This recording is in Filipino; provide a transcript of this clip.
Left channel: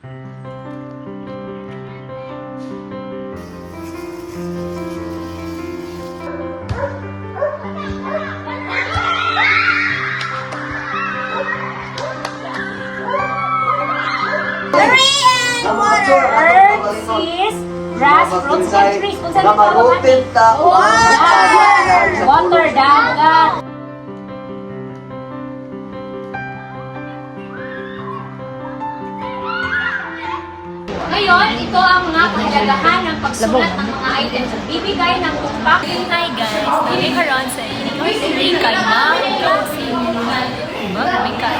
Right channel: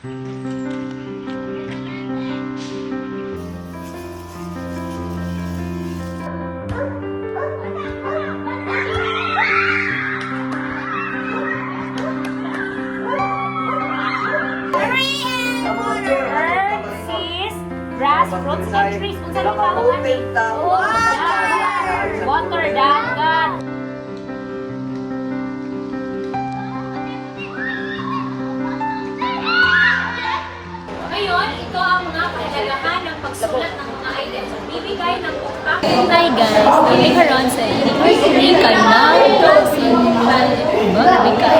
Grass, fruits, and trees. Kung saan ito natin? Water, dagat. Ngayon, ito ang mga kahalagahan ng pagsulat ng mga items na bibigay ng bookpack. Hi guys, kami karon sa Incorporate kay Ma'am Classy. Grabe ka.